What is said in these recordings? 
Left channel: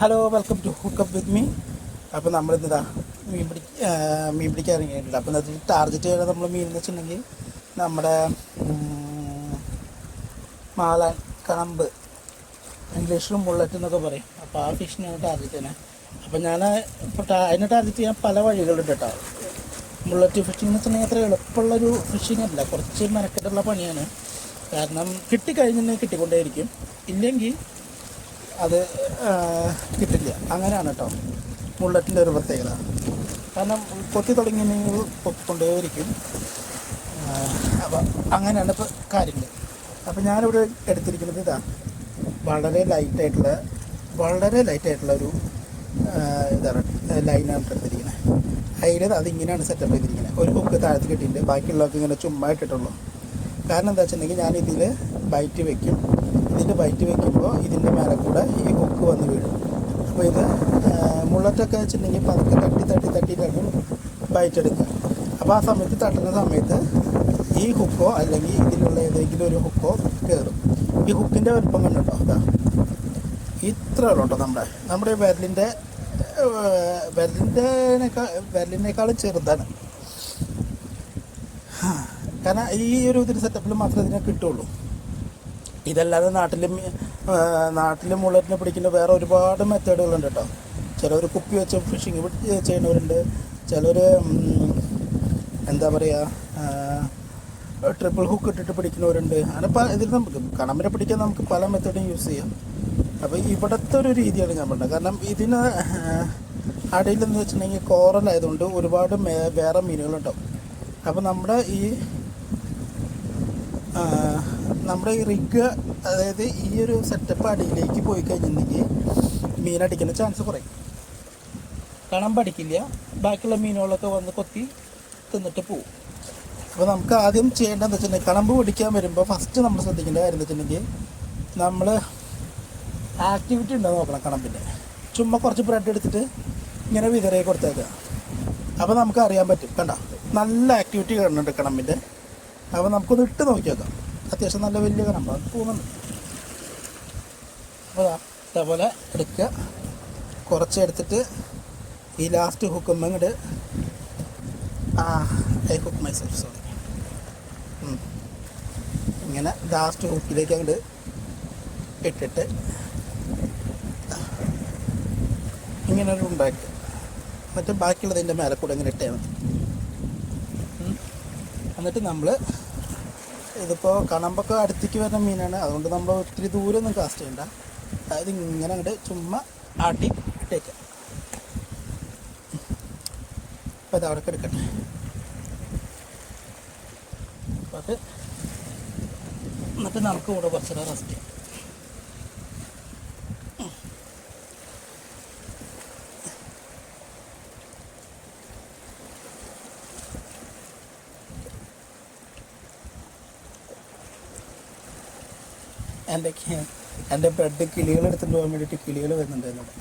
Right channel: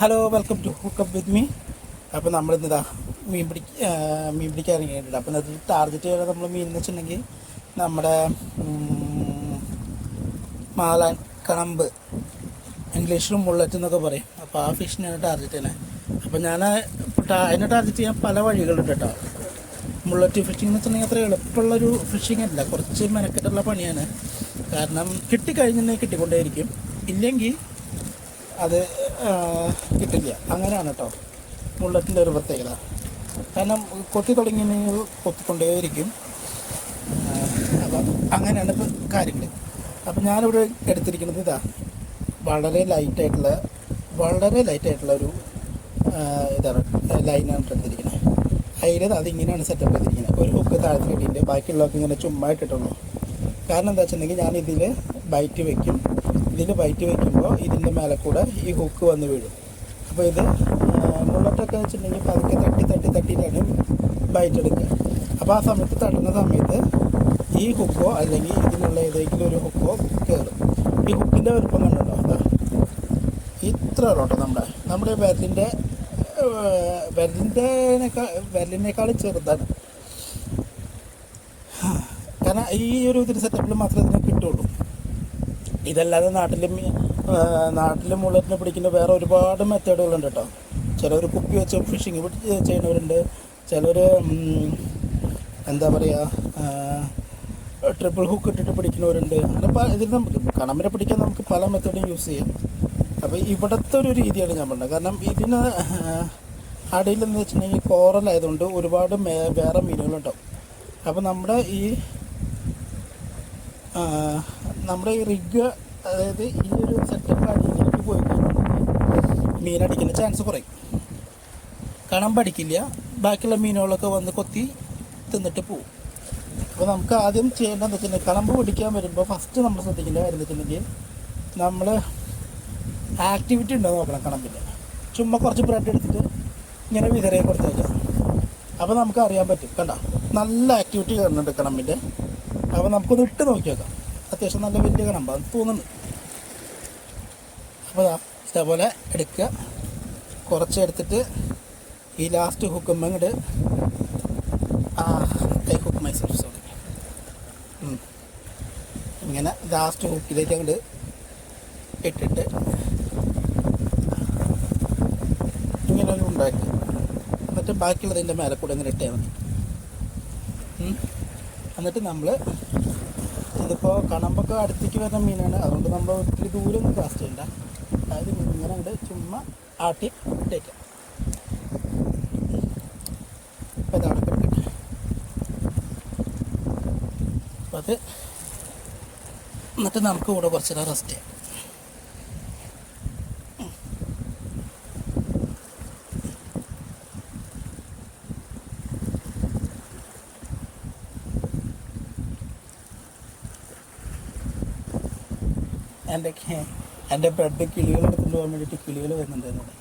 Hello, welcome to hookup with me. അപ്പോൾ നമ്മളിതാ മീൻ പിടിക്കാൻ ഇറങ്ങിയിട്ടുണ്ട്. അപ്പോൾ അതിൽ ടാർഗറ്റ് ചെയ്യുന്നത് നമ്മൾ മീൻ എന്ന് വെച്ചിട്ടുണ്ടെങ്കിൽ നമ്മുടെ മാലാൻ, കണമ്പ്, ഇംഗ്ലീഷിലും മുള്ളറ്റ് എന്നൊക്കെ പറയും. അപ്പോൾ ആ ഫിഷിനാണ് ടാർഗറ്റ് ചെയ്യുന്നത്. അപ്പോൾ ഞാൻ അതിനെ ടാർഗറ്റ് ചെയ്യാൻ പല വഴികളുണ്ട് കേട്ടോ. മുള്ളറ്റ് ഫിഷിംഗ് എന്ന് വെച്ചിട്ടുണ്ടെങ്കിൽ അത്ര എളുപ്പമുള്ളൊരു ഫിഷിംഗ് അല്ല, കുറച്ച് മെനക്കെട്ടുള്ള പണിയാണ്. കാരണം കിട്ടിക്കഴിഞ്ഞിട്ടുണ്ടെങ്കിൽ കിട്ടിക്കൊണ്ടേയിരിക്കും, ഇല്ലെങ്കിൽ അത് കിട്ടില്ല. അങ്ങനെയാണ് കേട്ടോ മുള്ളറ്റിൻ്റെ ഒരു പ്രത്യേകത. കാരണം കൊത്തി തുടങ്ങിയിട്ടുണ്ടെങ്കിൽ കൊത്തിക്കൊണ്ടേയിരിക്കും. അപ്പം അങ്ങനെയാണ് ഇപ്പോൾ കാര്യങ്ങൾ. അപ്പം ഞാനിവിടെ എടുത്തിരിക്കുന്നത് വളരെ ലൈറ്റായിട്ടുള്ള ഒരു ഇതാണ് ലൈനാണ് എടുത്തിരിക്കുന്നത്. അതിൽ അതിങ്ങനെയാണ് സെറ്റപ്പ് ചെയ്തിരിക്കുന്നത്. ഒരു ഹുക്ക് താഴത്ത് കിട്ടിയിട്ടുണ്ട്, ബാക്കിയുള്ളതൊക്കെ ഇങ്ങനെ ചുമ്മാ ഇട്ടിട്ടുള്ളൂ. കാരണം എന്താ വെച്ചിട്ടുണ്ടെങ്കിൽ ഞാൻ ഇതിൽ ബൈറ്റ് വയ്ക്കും. ഇതിൻ്റെ ബൈറ്റ് വയ്ക്കുമ്പോൾ ഇതിൻ്റെ മേലെ കൂടെ ഈ ഹുക്ക് വന്ന് വീഴും. അപ്പോൾ ഇത് മുള്ളറ്റൊക്കെ വെച്ചിട്ടുണ്ടെങ്കിൽ പതുക്കെ തട്ടിയിട്ടാണ് ബൈറ്റ് എടുക്കുക. അപ്പോൾ ആ സമയത്ത് തട്ടുന്ന സമയത്ത് ഈ ഹുക്കോ അല്ലെങ്കിൽ ഇതിലുള്ള ഏതെങ്കിലും ഒരു ഹുക്കോ കയറും. ഈ ഹുക്കിൻ്റെ വലുപ്പം കണ്ടുണ്ടോ? അതാ ഇത്ര ഉള്ളൂ കേട്ടോ. നമ്മുടെ വിരലിനേക്കാളും ചെറുതാണ്. കാരണം ഈ ഒരു ഇതിൻ്റെ സെറ്റപ്പിൽ മാത്രമേ ഇതിനെ കിട്ടുള്ളൂ. ഇതല്ലാതെ നാട്ടിൽ മുള്ളറ്റിനെ പിടിക്കുന്ന വേറെ ഒരുപാട് മെത്തേഡുകളുണ്ട് കേട്ടോ. ചിലവർ കുപ്പി വെച്ച് ഫിഷിങ് ചെയ്യുന്നവരുണ്ട്, ചിലർ എന്താ പറയുക ട്രിപ്പിൾ ഹുക്ക് ഇട്ടിട്ട് പിടിക്കുന്നവരുണ്ട്. അങ്ങനെ ഇതിൽ നമുക്ക് കണമ്പിനെ പിടിക്കാൻ നമുക്ക് പല മെത്തേഡും യൂസ് ചെയ്യാം. അപ്പോൾ ഇവിടുത്തെ ഒരു രീതിയാണ് ഞാൻ പറഞ്ഞത്. കാരണം ഇതിന് അടിയിലെന്ന് വെച്ചിട്ടുണ്ടെങ്കിൽ കോറലായതുകൊണ്ട് ഒരുപാട് വേറെ മീനുകളുണ്ടാവും. അപ്പോൾ നമ്മുടെ ഈ റിഗ്, അതായത് ഈ ഒരു സെറ്റപ്പ് അടിയിലേക്ക് പോയി കഴിഞ്ഞിട്ടുണ്ടെങ്കിൽ മീനടിക്കുന്ന ചാൻസ് കുറയും. കണമ്പ് അടിക്കില്ല, ബാക്കിയുള്ള മീനുകളൊക്കെ വന്ന് കൊത്തി തിന്നിട്ട് പോവും. അപ്പോൾ നമുക്ക് ആദ്യം ചെയ്യേണ്ടതെന്ന് വെച്ചിട്ടുണ്ടെങ്കിൽ കണമ്പ് പിടിക്കാൻ വരുമ്പോൾ ഫസ്റ്റ് നമ്മൾ ശ്രദ്ധിക്കേണ്ട കാര്യം എന്ന് വെച്ചിട്ടുണ്ടെങ്കിൽ നമ്മൾ ആക്ടിവിറ്റി ഉണ്ടോ നോക്കണം. കണമ്പിൻ്റെ ചുമ്മാ കുറച്ച് ബ്രെഡ് എടുത്തിട്ട് ഇങ്ങനെ വിതരയെ കൊടുത്താൽ മതി. അപ്പോൾ നമുക്ക് അറിയാൻ പറ്റും. കണ്ട, നല്ല ആക്ടിവിറ്റി കാണുന്നുണ്ട് കണമ്പിൻ്റെ. അപ്പോൾ നമുക്കൊന്ന് ഇട്ട് നോക്കി നോക്കാം. അത്യാവശ്യം നല്ല വലിയ കണമ്പാണ് തോന്നുന്നു. അപ്പോൾ ഇതേപോലെ എടുക്കുക, കുറച്ച് എടുത്തിട്ട് ഈ ലാസ്റ്റ് ഹുക്കുമ്പോൾ ഇങ്ങോട്ട് ഹുക്ക് മൈസെൽഫ് സോറി ഇങ്ങനെ ലാസ്റ്റ് ഹുക്കിലേക്ക് അങ്ങോട്ട് ഇട്ടിട്ട് ഇങ്ങനെ ഒരു ഉണ്ടാക്കി, എന്നിട്ട് ബാക്കിയുള്ളതിൻ്റെ മേലെ കൂടെ ഇങ്ങനെ ഇട്ടാൽ മതി. എന്നിട്ട് നമ്മൾ ഇതിപ്പോൾ കണമ്പൊക്കെ അടുത്തേക്ക് വരുന്ന മീനാണ്, അതുകൊണ്ട് നമ്മൾ ഒത്തിരി ദൂരം ഒന്നും കാസ്റ്റ് ചെയ്യണ്ട. അതായത് ഇങ്ങനെ അങ്ങോട്ട് ചുമ്മാ ആട്ടി ഇട്ടേക്കുക. അപ്പോൾ അതവിടെ കിടക്കട്ടെ. അപ്പോൾ അത് എന്നിട്ട് നമുക്ക് കൂടെ കുറച്ച് നേരം റെസ്റ്റ് ചെയ്യാം. എൻ്റെ ബ്രെഡ് കിളികൾ എടുത്തുകൊണ്ട് പോകാൻ വേണ്ടിയിട്ട് കിളികൾ വരുന്നുണ്ട് എന്നോട്.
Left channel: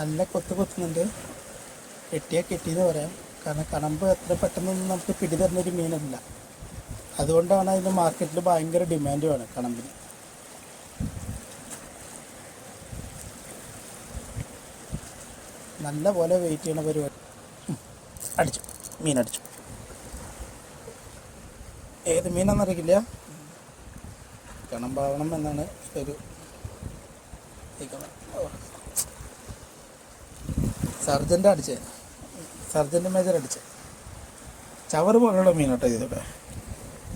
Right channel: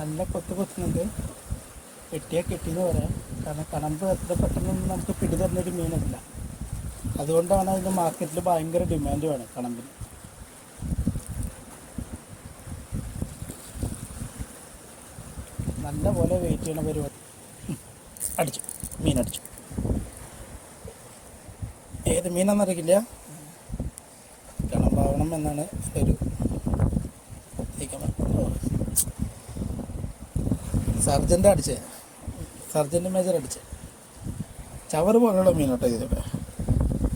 നല്ല കൊത്തുന്നുണ്ട്. കെട്ടിയാൽ കെട്ടിയെന്ന് പറയാം. കാരണം കണമ്പ് എത്ര പെട്ടെന്നൊന്നും നമുക്ക് പിടി തരുന്നൊരു മീനല്ല. അതുകൊണ്ടാണ് അതിൻ്റെ മാർക്കറ്റിൽ ഭയങ്കര ഡിമാൻഡുമാണ് കണമ്പിന്. നല്ല പോലെ വെയിറ്റ് ചെയ്യണ പരിപാടി. മീനടിച്ചു. ഏത് മീനാണെന്നറിയില്ല, കണമ്പാവണം എന്നാണ് ഒരു സർജൻ്റ് മേജർ അടിച്ചത് ചവറ് പോലുള്ള മീനോട്ടോ ഇതിവിടെ.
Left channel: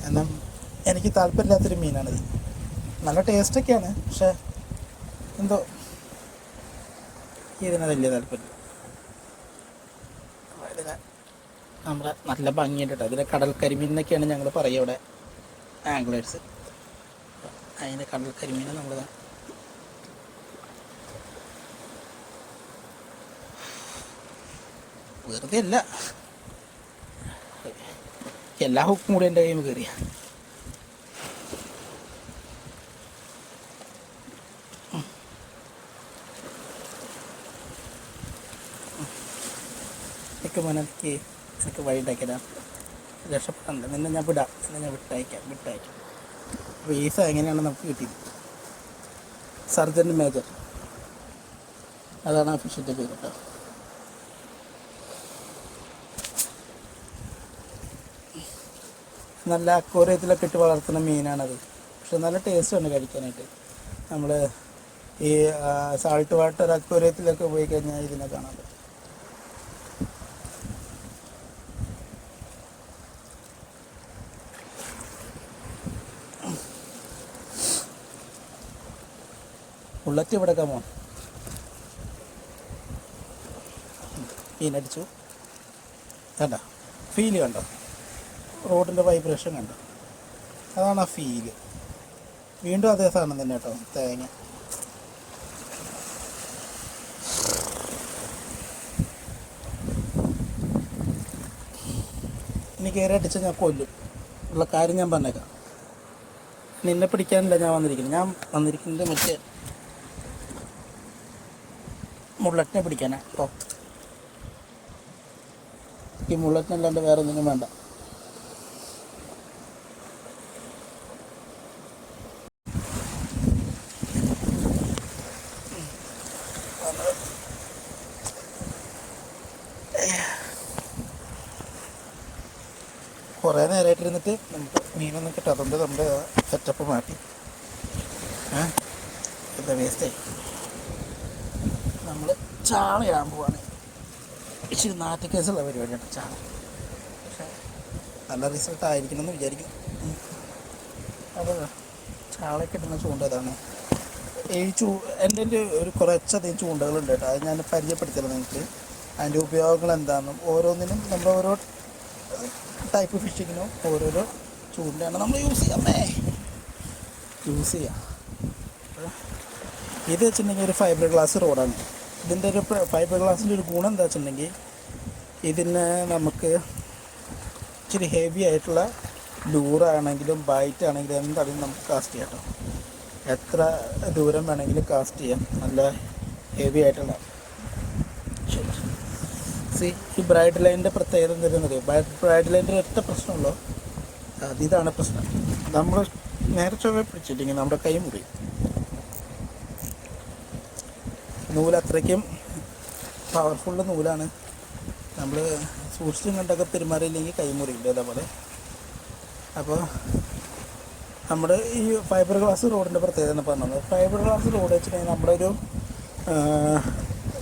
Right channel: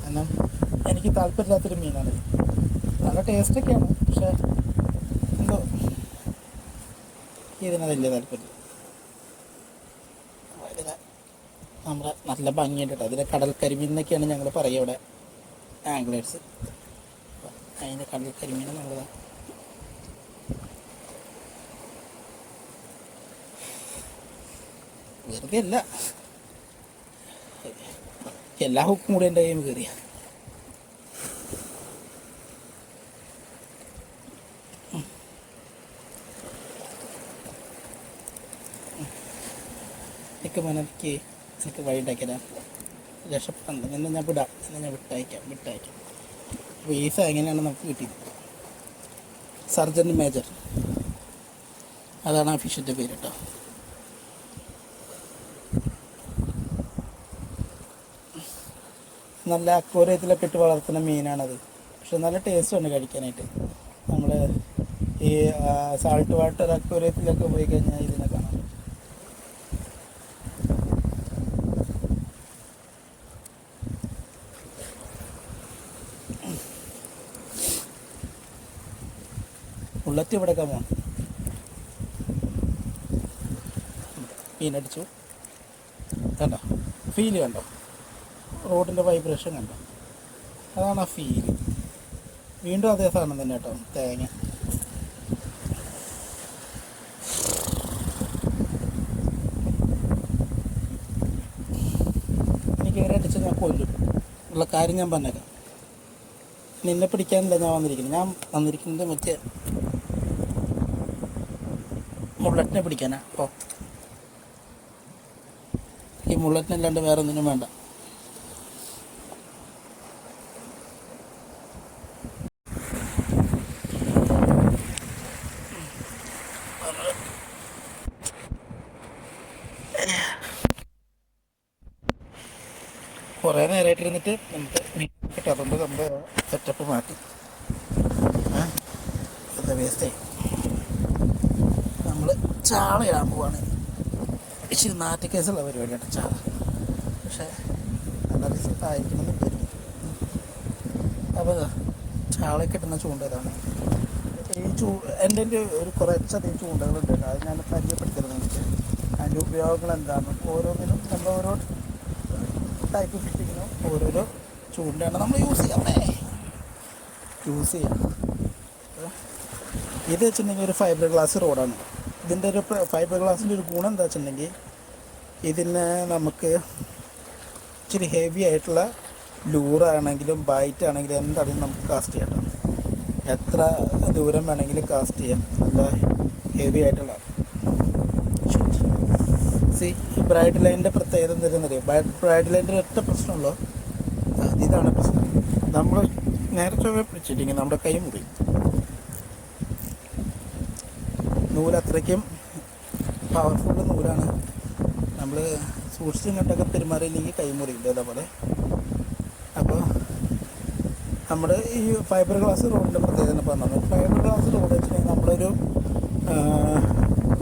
എന്നാൽ എനിക്ക് താല്പര്യമില്ലാത്തൊരു മീനാണിത്. നല്ല ടേസ്റ്റൊക്കെയാണ്, പക്ഷേ എന്തോ ഇതിന് വലിയ താല്പര്യം. നമ്മുടെ നല്ല ഭംഗിയുണ്ട് കേട്ടോ. അതിന് കടൽ കരിമീൻ എന്നൊക്കെയാണ് ഞങ്ങൾ പറയുക ഇവിടെ ആംഗ്ലേഴ്സ്. അതിന് കടൽ കരിമീനെ നമ്മൾ വെറുതെ അല്ല, എല്ലാ ഹുക്കും കൂടെ എൻ്റെ കയ്യിൽ കയറിയ. എനിക്ക് മോനെനിക്ക് എനിക്ക് വഴി ഉണ്ടാക്കിയതാ രക്ഷപ്പെടണ്ട, നിന്നെ ഞാൻ വിടാം, നിന്നെ ഞാൻ വിട്ടയക്കാം. അപ്പോൾ ഈസ എങ്ങനെയാണ് നമുക്ക് കിട്ടിയത്? സർജൻ മേജർ, അതാണ് ആ ഫിഷിൻ്റെ പേര് കേട്ടോ. നല്ല അക്വേറിയത്തിലൊക്കെ ഇട്ട് വളർത്തുന്ന മീനാണത്. പക്ഷെ നല്ല ടേസ്റ്റുണ്ട് കഴിക്കാനായിട്ട്. നമ്മൾ ഈ സാൾട്ട് വാട്ടർ അക്വേറിയത്തിലൊക്കെ പോയി കഴിഞ്ഞാൽ ഇതിനെ കാണാൻ പറ്റും. ബുള്ളറ്റ് ഇവിടെ കമോൺ മീനടിച്ചു. കണ്ടോ ഫീല് കണ്ടോ? റോഡിൻ്റെ വൈബ്രേഷൻ കണ്ടോ? അതാണ് ആ ഫീല്. വീണ്ടും അതേ സാധനം തന്നെ കേട്ടോ, തേങ്ങ. ഇനി കയറി അടിച്ചാൽ ഞാൻ കൊല്ലും ഉള്ള കാര്യം ഞാൻ പറഞ്ഞേക്കാം. നിന്നെ പിടിക്കാനല്ല ഞാൻ വന്നിരിക്കുന്നത് മറ്റേ മുള്ളറ്റിനെ പിടിക്കാനാ. അപ്പോൾ ഈ മുള്ളറ്റിനല്ലാണ്ട് വേറെ ഒന്നിനും വേണ്ട. കുറേ നേരമായിട്ടിരുന്നിട്ട് നമുക്ക് മീനൊന്നും കിട്ടും. അതുകൊണ്ട് നമ്മുടെ സെറ്റപ്പ് മാറ്റി എന്താ വേസ്റ്റായി. നമ്മൾ ചാള ഇടാൻ പോവാണ്. ഇച്ചിരി നാറ്റുകേസുള്ള പരിപാടിയാണ് ചാള. പക്ഷേ നല്ല റിസൾട്ട് ആയിരിക്കണമെന്ന് വിചാരിക്കും. അപ്പോൾ ചാള കിട്ടുന്ന ചൂണ്ട ഇതാണ്. ഈ എൻ്റെ ഒരു കുറച്ചധികം ചൂണ്ടകളുണ്ട് കേട്ടോ. അത് ഞാൻ പരിചയപ്പെടുത്തിയത് നിങ്ങൾക്ക്. അതിൻ്റെ ഉപയോഗങ്ങൾ എന്താണെന്നും ഓരോന്നിനും നമ്മൾ ഓരോ ടൈപ്പ് ഫിഷിങ്ങിനും ഓരോരോ ചൂണ്ടയാണ് നമ്മൾ യൂസ് ചെയ്യാം. ഇത് വെച്ചിട്ടുണ്ടെങ്കിൽ ഒരു ഫൈബർ ഗ്ലാസ് റോഡാണ്. ഇതിൻ്റെ ഒരു ഫൈബർ ഗ്ലാസിൻ്റെ ഒരു ഗുണം എന്താ വെച്ചിട്ടുണ്ടെങ്കിൽ ഇതിന് നമുക്ക് ഇച്ചിരി ഹെവി ആയിട്ടുള്ള ലൂറാണെങ്കിലും ബൈറ്റ് ആണെങ്കിലും എന്താണെങ്കിലും നമുക്ക് കാസ്റ്റ് ചെയ്യാം കേട്ടോ. എത്ര ദൂരം വേണമെങ്കിലും കാസ്റ്റ് ചെയ്യാം. നല്ല ഹെവി ആയിട്ടുള്ള ഈ ബ്രൈഡ് ലൈനിൻ്റെ പ്രത്യേകത എന്താണെന്നറിയാം? ബ്രൈഡ് ലൈനിൻ്റെ ഒറ്റ പ്രശ്നമുള്ളൂ, ഇതാണ് പ്രശ്നം. നമ്മൾ നേരെ ചൊവ്വ പിടിച്ചില്ലെങ്കിൽ നമ്മുടെ കൈ മുറിയും. നൂല് അത്രയ്ക്കും പവർഫുള്ള് നൂലാണ്. നമ്മൾ സൂക്ഷിച്ചും കണ്ടൊക്കെ പെരുമാറിയില്ലെങ്കിൽ കൈ മുറിയില്ല അതേപോലെ. അപ്പോൾ നമ്മുടെ ഈ ഫൈബർ ഗ്ലാസ് റോഡിൻ്റെ പ്രത്യേകത എന്ന് പറഞ്ഞത്, ഫൈബർ ഗ്ലാസ് റോഡ് വെച്ചിട്ടുണ്ടെങ്കിൽ നമ്മളൊരു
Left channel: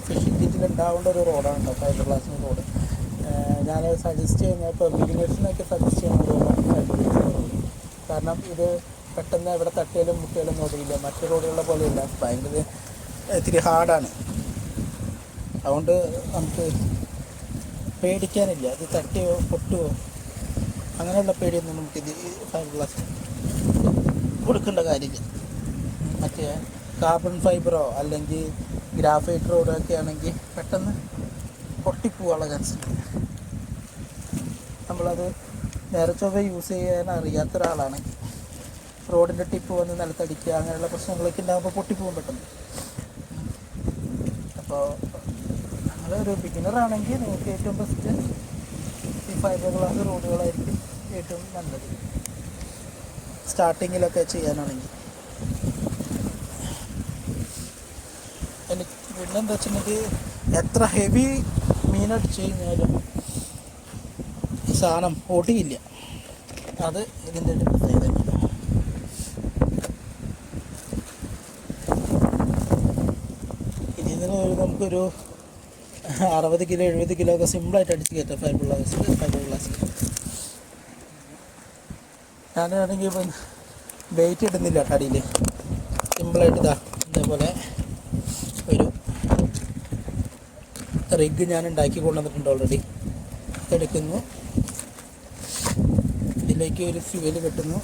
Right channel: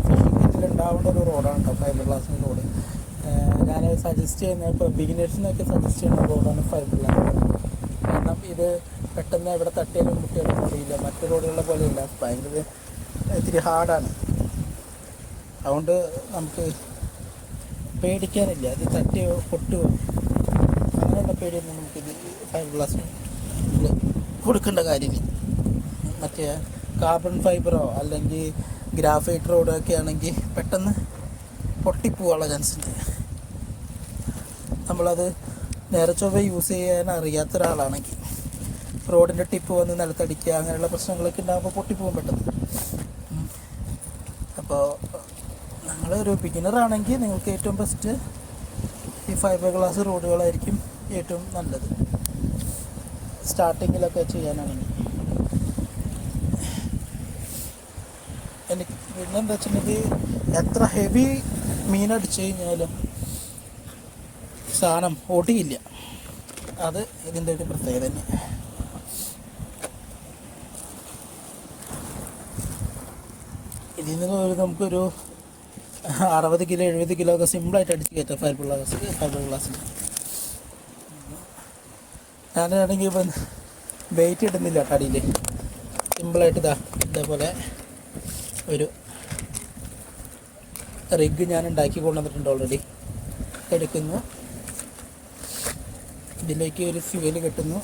ഫിഷിംഗ് കിറ്റിലുണ്ടാവേണ്ട ഒരു റോഡാണ് കേട്ടോ ഫൈബർ ഗ്ലാസ് റോഡ്. ഞാൻ സജസ്റ്റ് ചെയ്യുന്നത് ഇപ്പോൾ ബിഗിനേഴ്സിനൊക്കെ സജസ്റ്റ് ചെയ്യുന്ന റോഡാണ് ഫൈബർ ഗ്ലാസ് റോഡ്. കാരണം ഇത് പെട്ടെന്ന് എവിടെ തട്ടിയാലും മുട്ടിയാലും മുറിയില്ല. മറ്റു റോഡുകളെ പോലെയല്ല, ഭയങ്കര ഇത്തിരി ഹാർഡാണ്. അതുകൊണ്ട് നമുക്ക് പേടിക്കാനില്ല. അത് തട്ടിയോ പൊട്ടുകയോ അങ്ങനെയുള്ള പേടിയൊന്നും നമുക്കിത് ഫൈബർ ഗ്ലാസ് കൊടുക്കേണ്ട കാര്യമില്ല. മറ്റേ കാർബൺ ഫൈബറോ അല്ലെങ്കിൽ ഗ്രാഫൈറ്റ് റോഡോ ഒക്കെ ആണെങ്കിൽ പെട്ടെന്ന് പൊട്ടിപ്പോവാനുള്ള ചാൻസ് ഉണ്ട്. നമ്മളത് നേരെ ചൊവ്വ യൂസ് ചെയ്യാൻ അറിയാത്ത ഒരാളാണെങ്കിൽ റോഡിൻ്റെ ടിപ്പ് വന്ന് നിലത്തടിക്കുക അങ്ങനെയുള്ള പ്രശ്നങ്ങളൊക്കെ ഉണ്ടാകുമ്പോൾ പൊട്ടിപ്പോകാൻ പെട്ടെന്ന്. അപ്പോൾ നിങ്ങളൊരു ബിഗിനറാണെങ്കിൽ നിങ്ങൾക്ക് ഏറ്റവും ബെസ്റ്റ് ഈ ഫൈബർ ഗ്ലാസ് റോഡുകളായിരിക്കും ഏറ്റവും നല്ലത് സ്റ്റാർട്ടിങ്ങിലൊക്കെ ചെയ്യാനാണെങ്കിൽ. എനിക്ക് പിന്നെന്താ വെച്ചിട്ടുണ്ടെങ്കിൽ എത്ര ഹെവി മീനടിച്ചു കഴിഞ്ഞാലും സാധനം ഒടിയില്ല. അത് ഇതിൻ്റെ ഒരു പ്രത്യേകത. ഇതിൽ നിന്ന് നമുക്കൊരു 60 കിലോ 70 കിലോ ഒക്കെ സിമ്പിളായിട്ട് അടിച്ച് കയറ്റാം ഫൈബർ ഗ്ലാസ്സിൽ. ഞാനാണെങ്കിൽ ഇപ്പം വെയിറ്റ് ഇടുന്നില്ല കടിയിൽ, സിമ്പിളായിട്ട് ഇതേപോലെ ഒരു റിഗ് ഞാൻ ഉണ്ടാക്കി കൊണ്ടുവന്നിട്ടുണ്ട് ഓൾറെഡി. എടുക്കുന്നു, ഇതിലേക്ക് ഒരു ഫ്യൂവൽ കെട്ടുന്നു,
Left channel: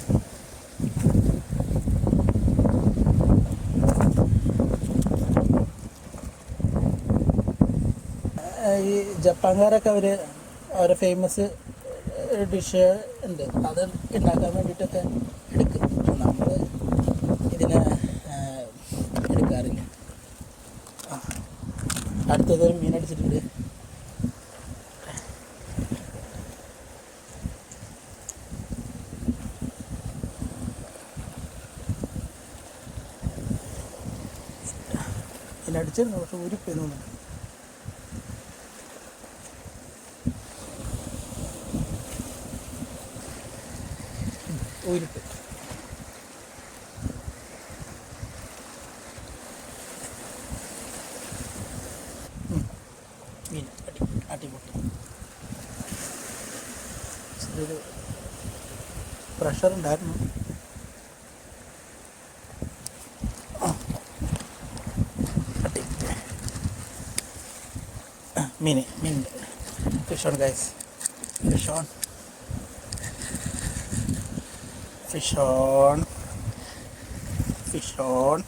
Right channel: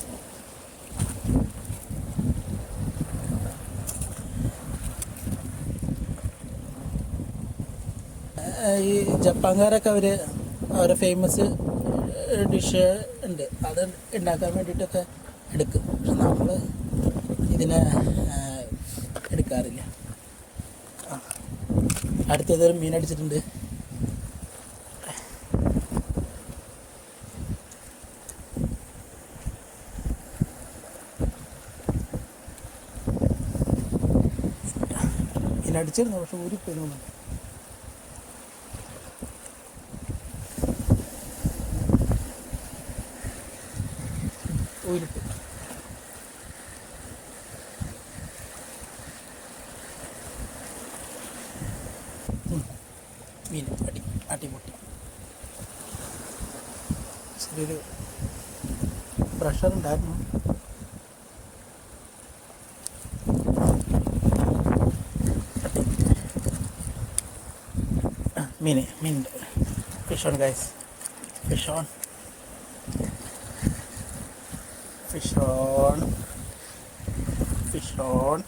ഈ ജപ്പാൻകാരൊക്കെ അവരെ ഫേമസ് ഡിഷ് ഉണ്ട്, അത് ഉണ്ടാക്കാൻ വേണ്ടിയിട്ടൊക്കെ എടുക്കും. നമ്മൾ ഇതിനെ എടുക്കാറില്ല. അടുത്തതൊരു മീനടിച്ചിട്ടുണ്ട്. പിന്നെ അടിച്ചിരുന്നു, പക്ഷെ ഊരിപ്പോയി തോന്നുന്നുണ്ട്. ഊരിപ്പോയി. മീൻ അടിപൊളി. ചെറിയൊരു പ്രഷർ ഉണ്ടായിരുന്നു. മീനുണ്ട്. Fish on guys, fish on, fish on, fish on.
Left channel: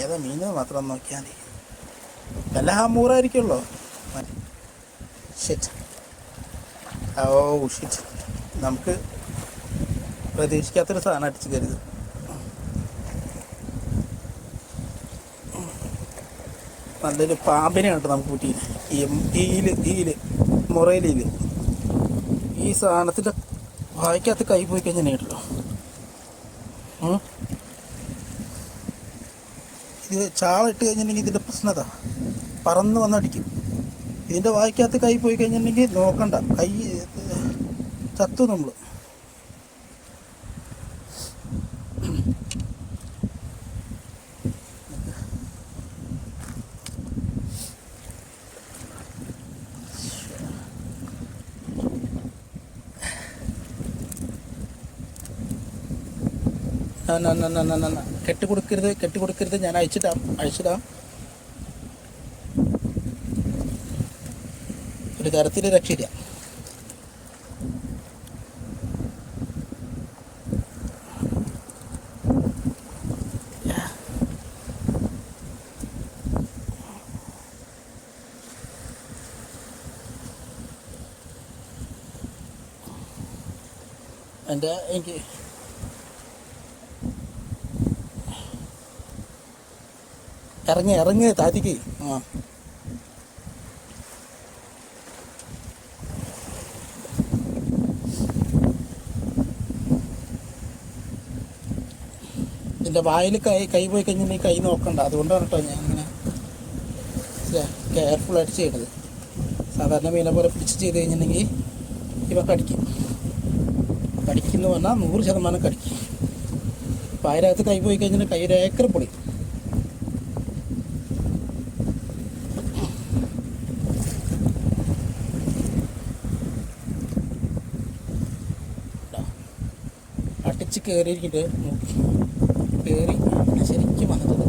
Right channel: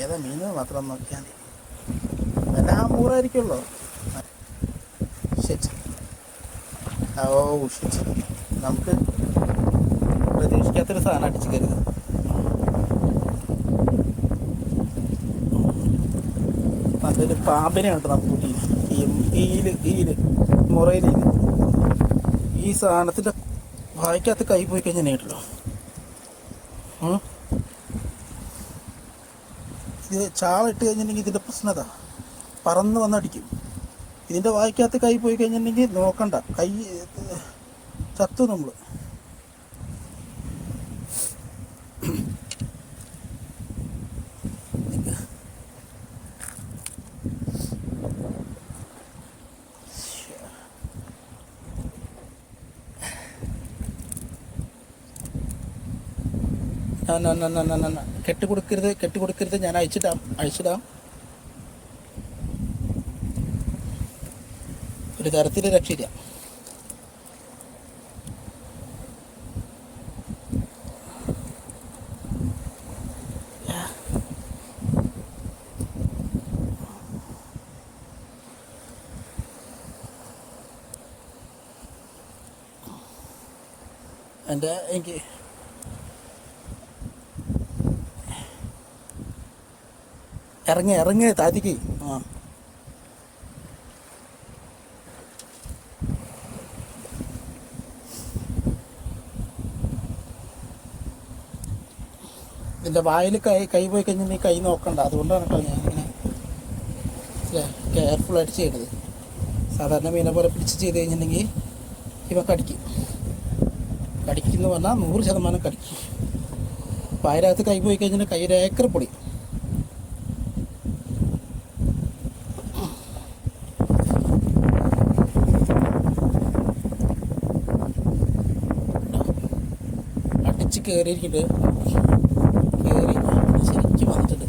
ഏതാ മീൻ മാത്രം നോക്കിയാൽ മതി. വല്ല ഹമൂറായിരിക്കുമല്ലോ. ഷിറ്റ്, ഓ ഷിറ്റ്, നമുക്ക് പ്രതീക്ഷിക്കാത്തൊരു സാധനം അടിച്ചു കരുത്. നല്ലൊരു പാമ്പിനെയാണ് കേട്ടോ നമുക്ക് കൂട്ടി. ഈല് മുറയിലീല് ഈ സാധനത്തിൻ്റെ വായിക്കകത്ത് കൈ പോയി കഴിഞ്ഞാൽ കേട്ടല്ലോ. ഇത് ചാള ഇട്ട് കഴിഞ്ഞിട്ടുണ്ടെങ്കിൽ ഇതിൻ്റെ പ്രശ്നത പറന്ന് വന്നടിക്കും. ഇതിൻ്റെ വായിക്കകത്ത് കൈ പോയി കഴിഞ്ഞിട്ടുണ്ടെങ്കിൽ നോക്കണ്ട, കൈ ചത്തു നമ്മൾ. കെട്ടിക്കൊടുക്കരുത്, ഞാൻ അഴിച്ചിടാം. ഒരു തരത്തിൽ രക്ഷയില്ല. എനിക്ക് ഇറങ്ങി താത്തിക്ക്. ഇതിൻ്റെ വായിൽ കൈ പോയി കഴിഞ്ഞിട്ടുണ്ടെങ്കിൽ കൈ നോക്കണ്ട. അതുകൊണ്ടാണ് കേട്ടോ ഞാനിങ്ങനെ കെയർഫുള്ളായിട്ട് ചെയ്യണത്. സാധാരണ മീനെ പോലെ പിടിച്ച് ചെയ്ത് കഴിഞ്ഞിട്ടുണ്ടെങ്കിൽ ഇവ കടിക്കുന്നു പറഞ്ഞാൽ 100% കടിക്കും. വായരകത്ത് കൈ പോയി കഴിഞ്ഞാൽ കൈ ഒരു ഏക്കർ പൊടി. അടിച്ച് കയറിയിരിക്കുന്നുണ്ട്. കയറി ശരിക്കും വന്നിട്ടുണ്ട്.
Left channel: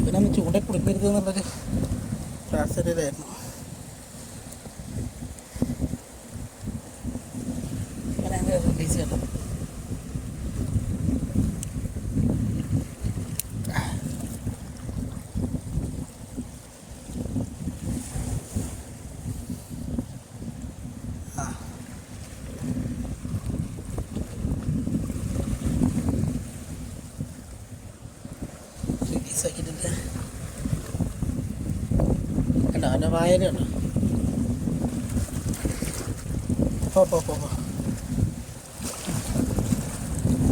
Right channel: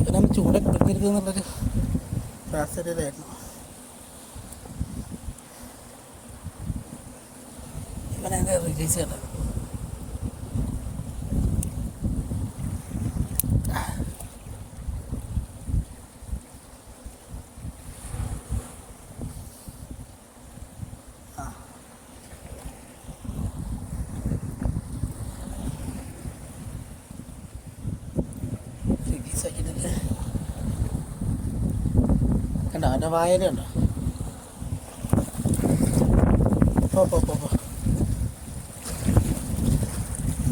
ഇവനൊന്ന് ചൂടൊക്കെ പിടിക്കരുത് എന്നുള്ളൊരു പ്രാർത്ഥനയിലായിരുന്നു. ഇവനെ റിലീസ് ചെയ്യണം. റിലീസാക്കിയിട്ടുണ്ട്. കണ്ടോ അവൻ്റെ വായലുണ്ടോ? പോ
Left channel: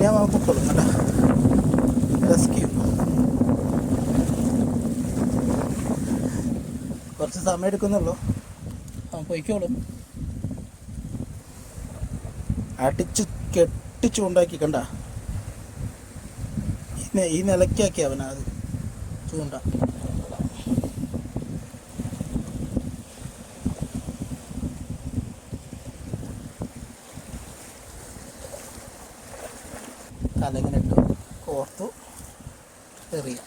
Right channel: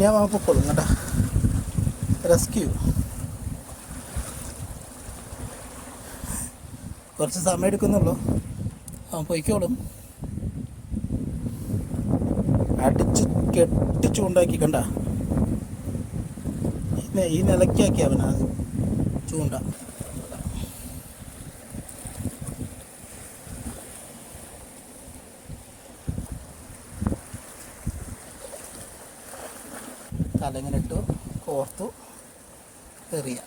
ഞാൻ പൊക്കോളും കേട്ടോ. റെസ്ക്യൂ കുറച്ച് സമയം എടുക്കുന്നുള്ളൂ. പൊയ്ക്കോളും. അടിച്ച് കെട്ടിച്ചുണ്ടാക്കി കണ്ട ഈ നിലയ്ക്കാക്കി അവനത് ചൂണ്ട. തലങ്ങനെ ഇട്ടു കോർത്തു എറിയാം.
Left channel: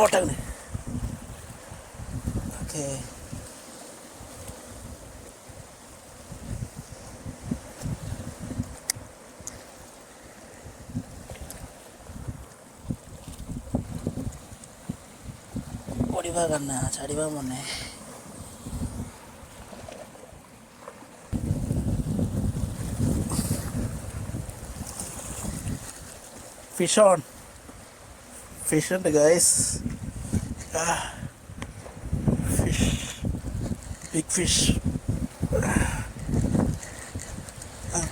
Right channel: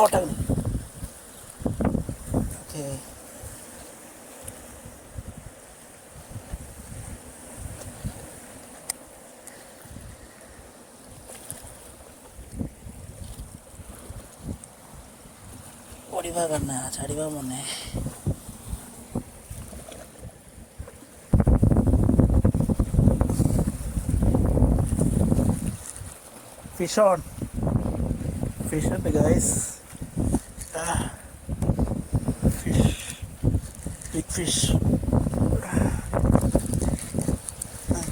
ഓട്ടങ്ങനെ. ഓക്കെ, ഓടിവാ കണ്ണ, ചാടിവാ മോനെ. Fish on. ഫിഷ് ഉണ്ട് ഗൈസ്. Fish, big fish.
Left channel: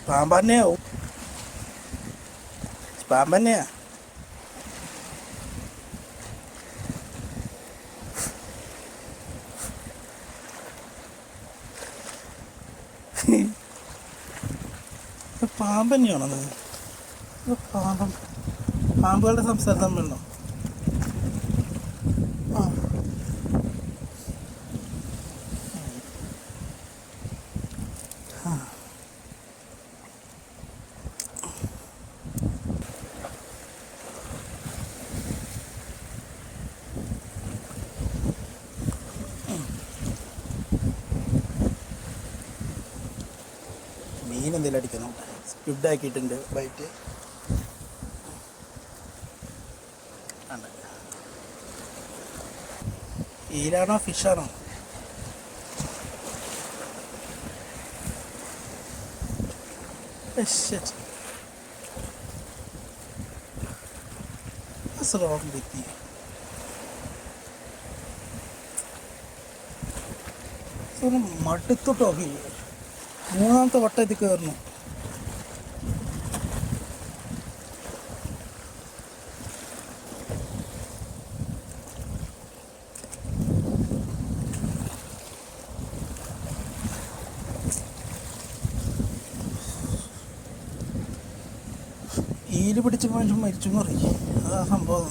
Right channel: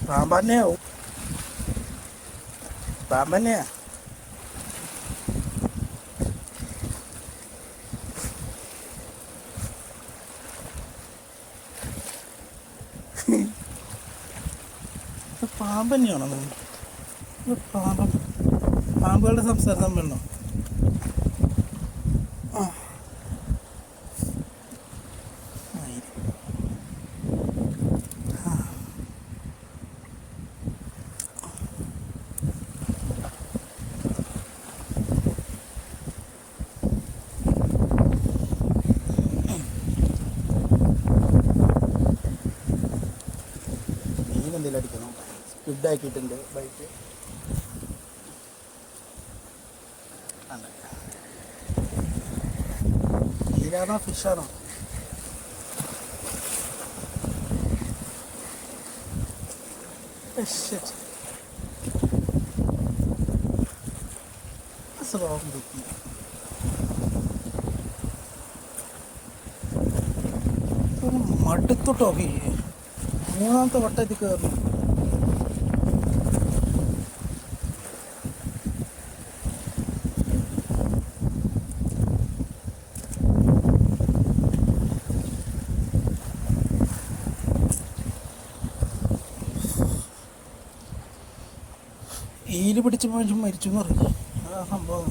പാമ്പന്നെയാവും, പാമ്പന്നെയാ. പാമ്പന്നെയാണോ? പാമ്പുകളുടെ സംസാരം തമ്മിലോ? മീൻ എന്തെങ്കിലും അടിക്കണം. സ്ക്വിഡ് ആക്കിയിട്ടുണ്ട് ബൈറ്റ്. ഈലാണോ ഫിഷാണോ? മടുത്തോട്ടോ. മൂന്നാമത്തെ വട്ടത്തിൽ കയറുന്നു. ഈല് പിടിച്ച് മനുഷ്യൻ മരിച്ചു എന്ന് പറയും. അതാ സംഭവം.